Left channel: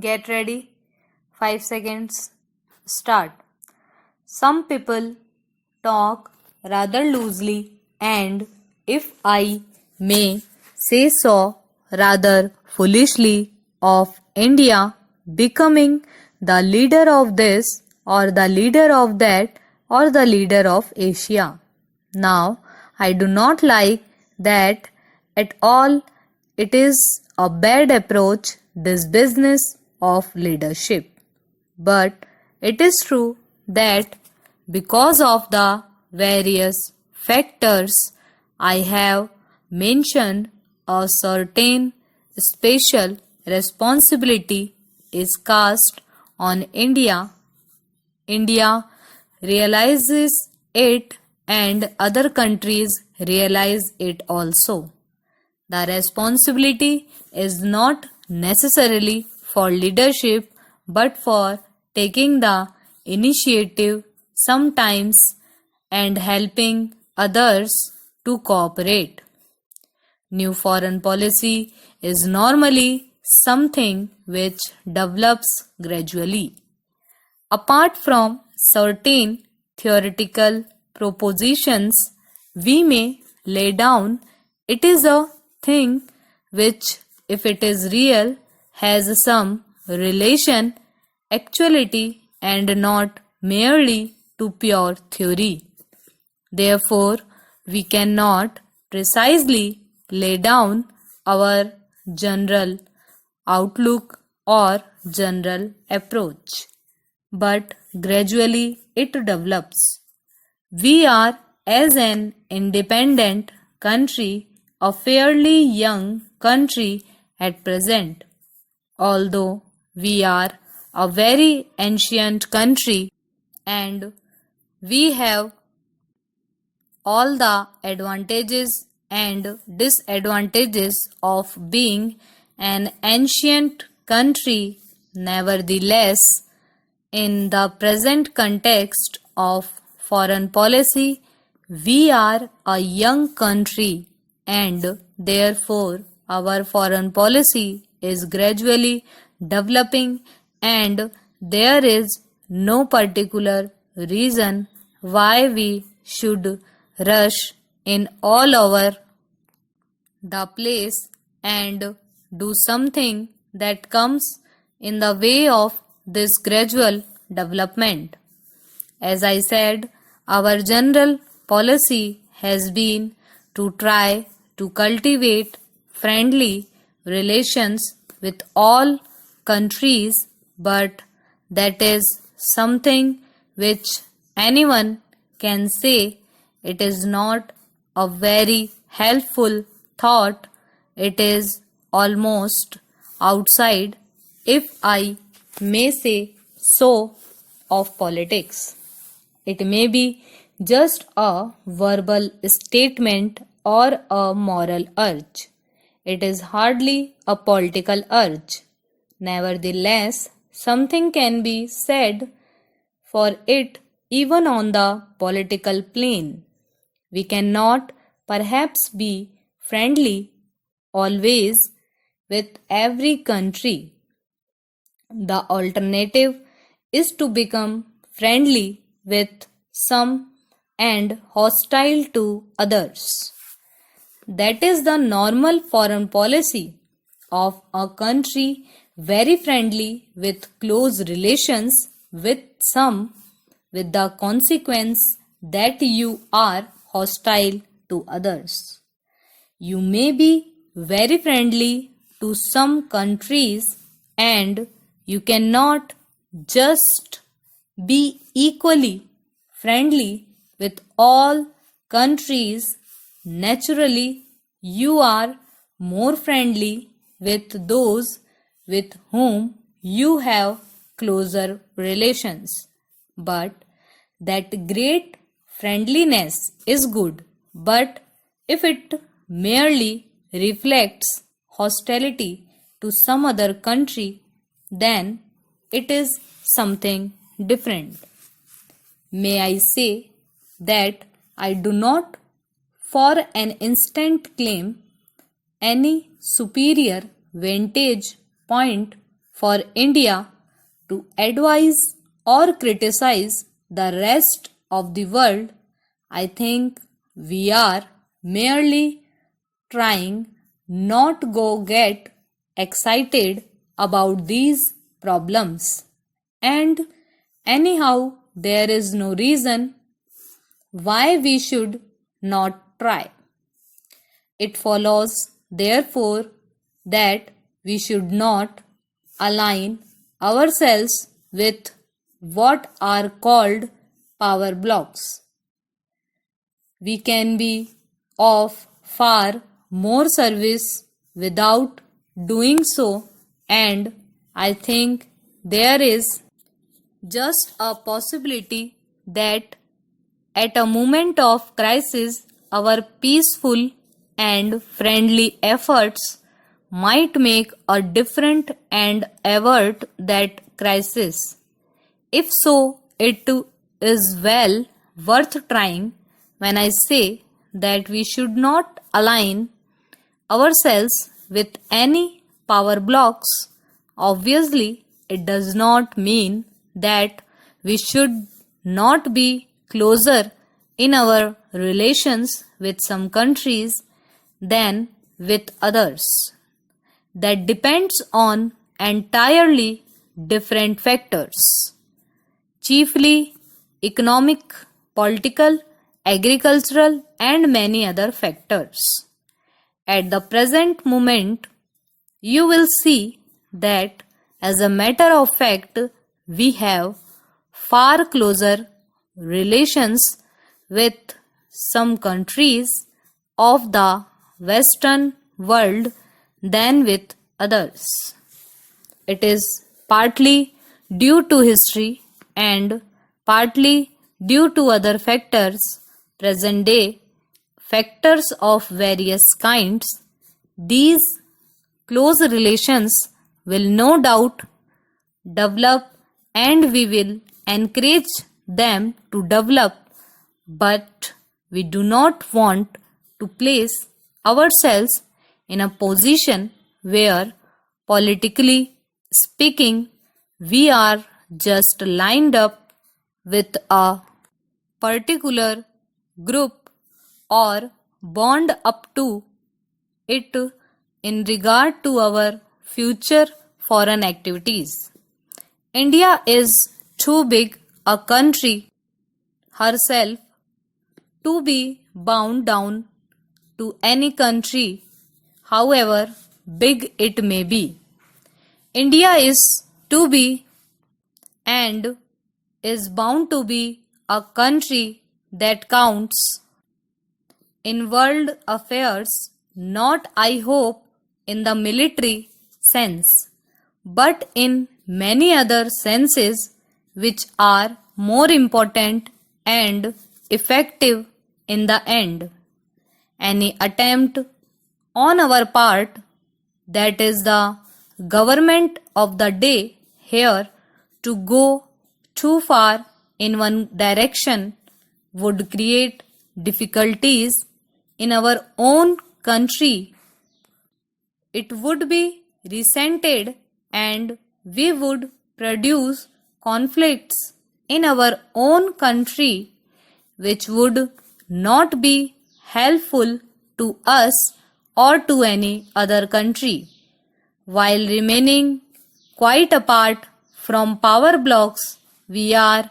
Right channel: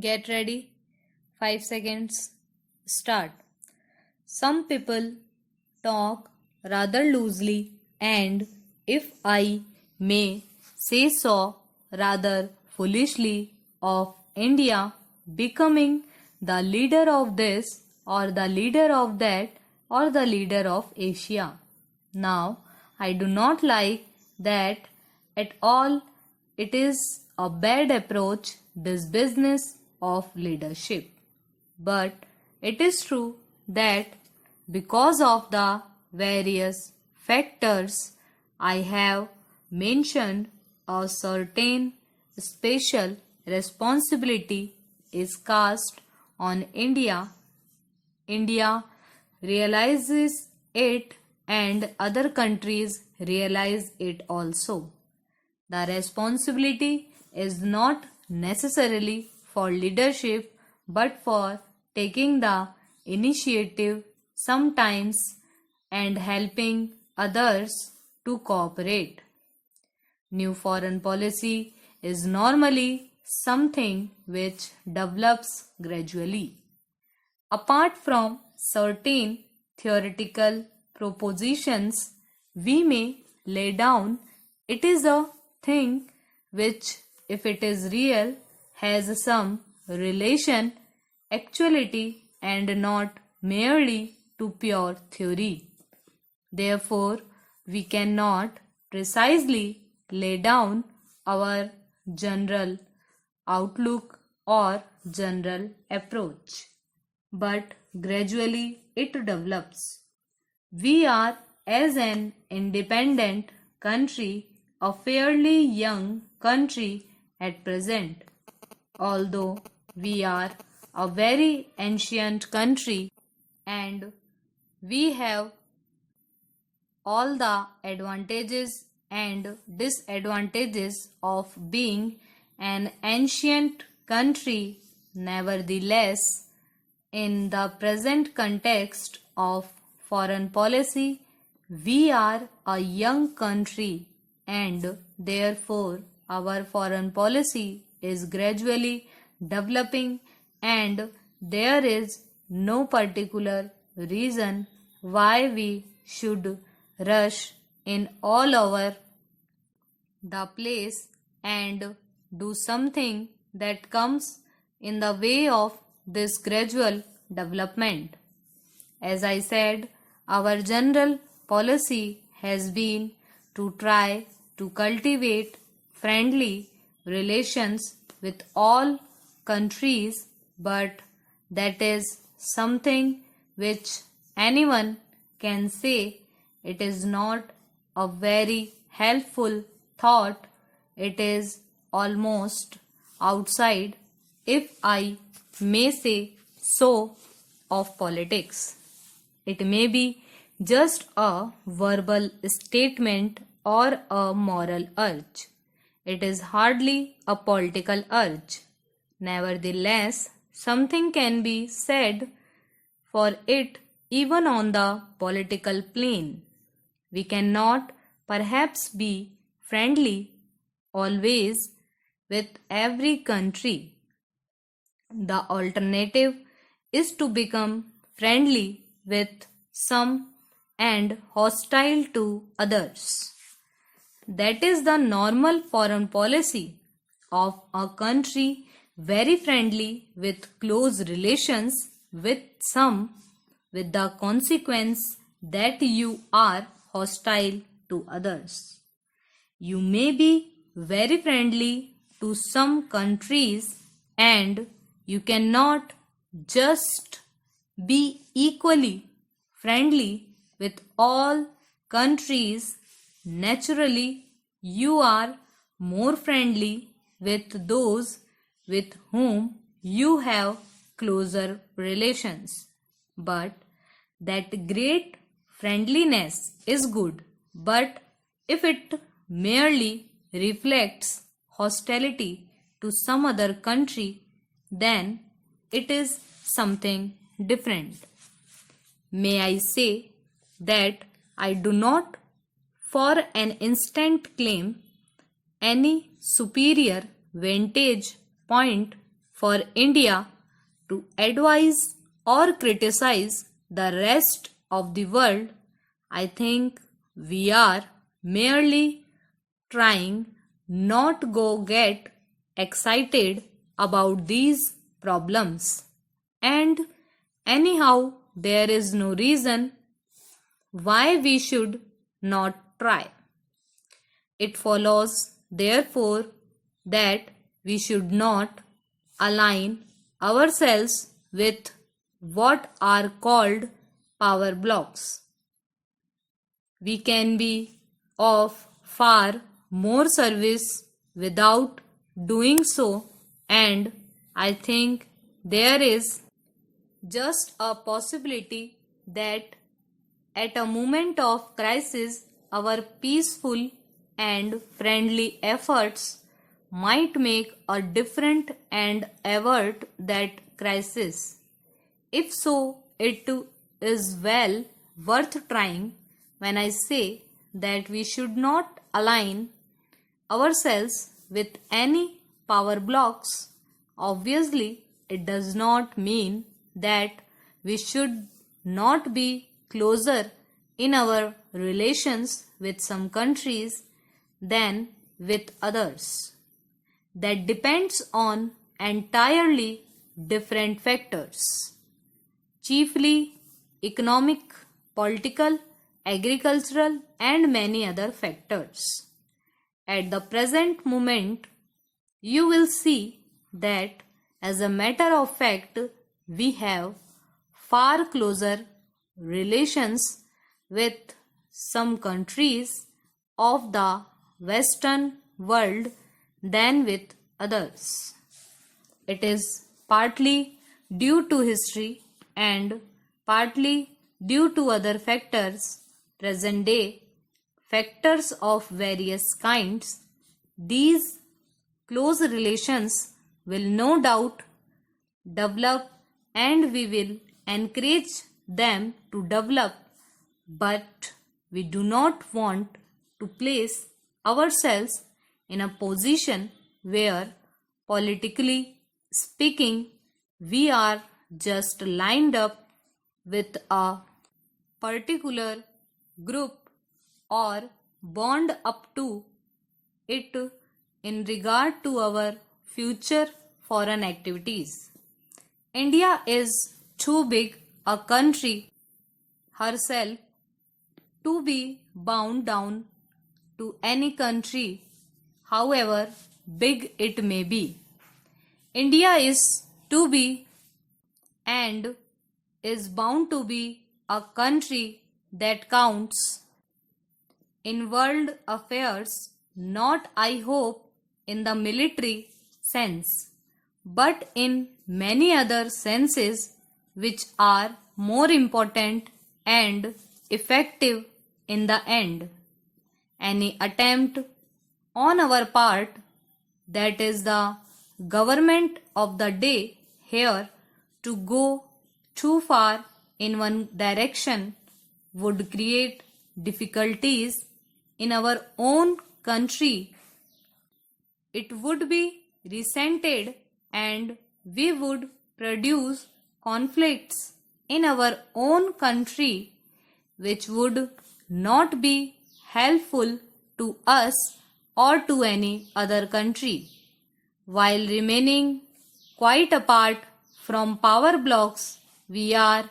Get ready. 5 seconds. Start. Some people talk rather loosely and, if I may say so, rather foolishly of India becoming the leader of this or the leader of that or the leader of Asia. Now, I do not like that at all. It is a bad approach, this business of leadership. But it is true that because of the various factors I have mentioned, a certain special responsibility is cast on India. India realizes it and other countries realize it also. The responsibility is not necessarily for leadership but for taking the initiative sometimes and helping others to cooperate. New foreign policy is normally something which develops gradually. Apart from certain theoretical propositions we may lay down, it is a thing which, if it is real, has some relation, actuality, and not merely to pure theory. Therefore, we cannot precisely lay down our general outlook or general approach, but gradually it develops. We are, as an independent country, a fairly young country at present, although we are a very ancient country and we have all the advantages and disadvantages of being an ancient country. Nevertheless, in the present context of foreign policy, we are a young country and therefore our foreign policy is gradually developing and there is no particular reason why we should rush in all over the place and do something that comes in the way of this gradual development. As I said, our general policy has been to try to cultivate friendly relations with all countries, but that is something which anyone can say it is not a very helpful thought. It is almost outside, if I may say so, of politics. It may be just a verbal statement or a moral urge. It is hardly a political urge. Nevertheless, something can be said for it even on the political plane. We cannot perhaps be friendly always with every country. The alternative is to become friendly with some and hostile to others. That is the normal foreign policy of a country very friendly with close relations with some, with the consequence that you are hostile to others. You may be very friendly to some countries and you cannot just be equally friendly with all countries. Naturally, you are more friendly with those with whom you have closer relations. But that great friendliness is good, but if it merely reflects hostility to some other country, then it is something different. May I say that I do not for an instant claim any superior vantage point for India to advise or criticize the rest of the world. I think we are merely trying not go get excited about these problems. And anyhow, there is no reason why we should not try. It follows, therefore, that we should not align ourselves with what are called power blocks. We can be of far more service without doing so, and I think there is just a possibility that at a moment of crisis, our peaceful and friendly efforts might make a difference and avert that crisis. If so, it is well worth trying when I say that we should not align ourselves with any power blocks. Obviously, it does not mean that we should not be closer in our relations with some countries than with others. That depends on entirely different factors, chiefly economic, political, agricultural, and many other factors. At the present moment, you will see that, as a matter of fact, we have far closer relations with some countries of the Western world than with others. It is partly due to history and partly due to other factors, present day factors of various kinds. These close relations will no doubt develop and we will encourage them to develop, but we do not want to place ourselves in a position where, politically speaking, we are just lined up with a particular group or bond up to it in regard to our future foreign activities. India is too big a country herself to be bound down to any country, however big it may be. India is to be and is bound to be a country that counts in world affairs, not I hope in the military sense, but in many other senses which are more important and effective in the end. Any attempt on our part, that is the government of the day here, to go too far in one direction would create difficulties in our own country. It would be resented and we would produce conflicts in our own country which would not be helpful to us or to any other country. While remaining quite apart from power blocks, we are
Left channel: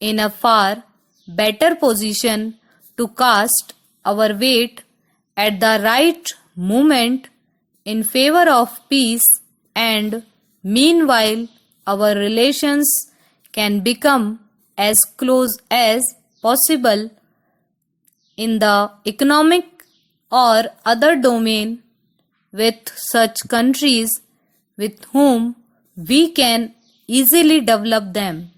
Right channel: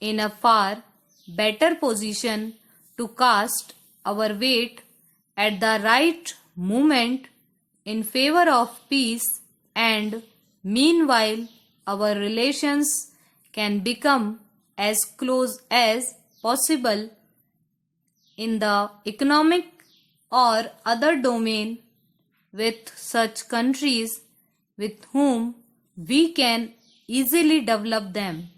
in a far better position to cast our weight at the right moment in favor of peace, and meanwhile our relations can become as close as possible in the economic or other domain with such countries with whom we can easily develop them.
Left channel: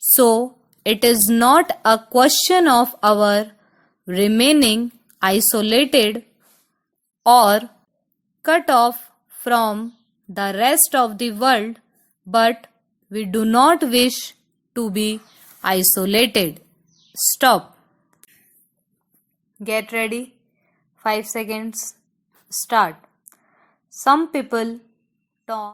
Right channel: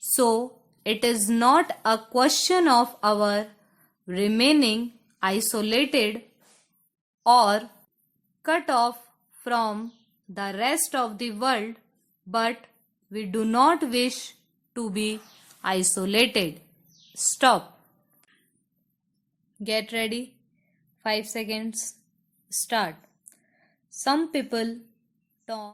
So, it is not a question of our remaining isolated or cut off from the rest of the world, but we do not wish to be isolated. Stop. Get ready. 5 seconds. Start. Some people talk.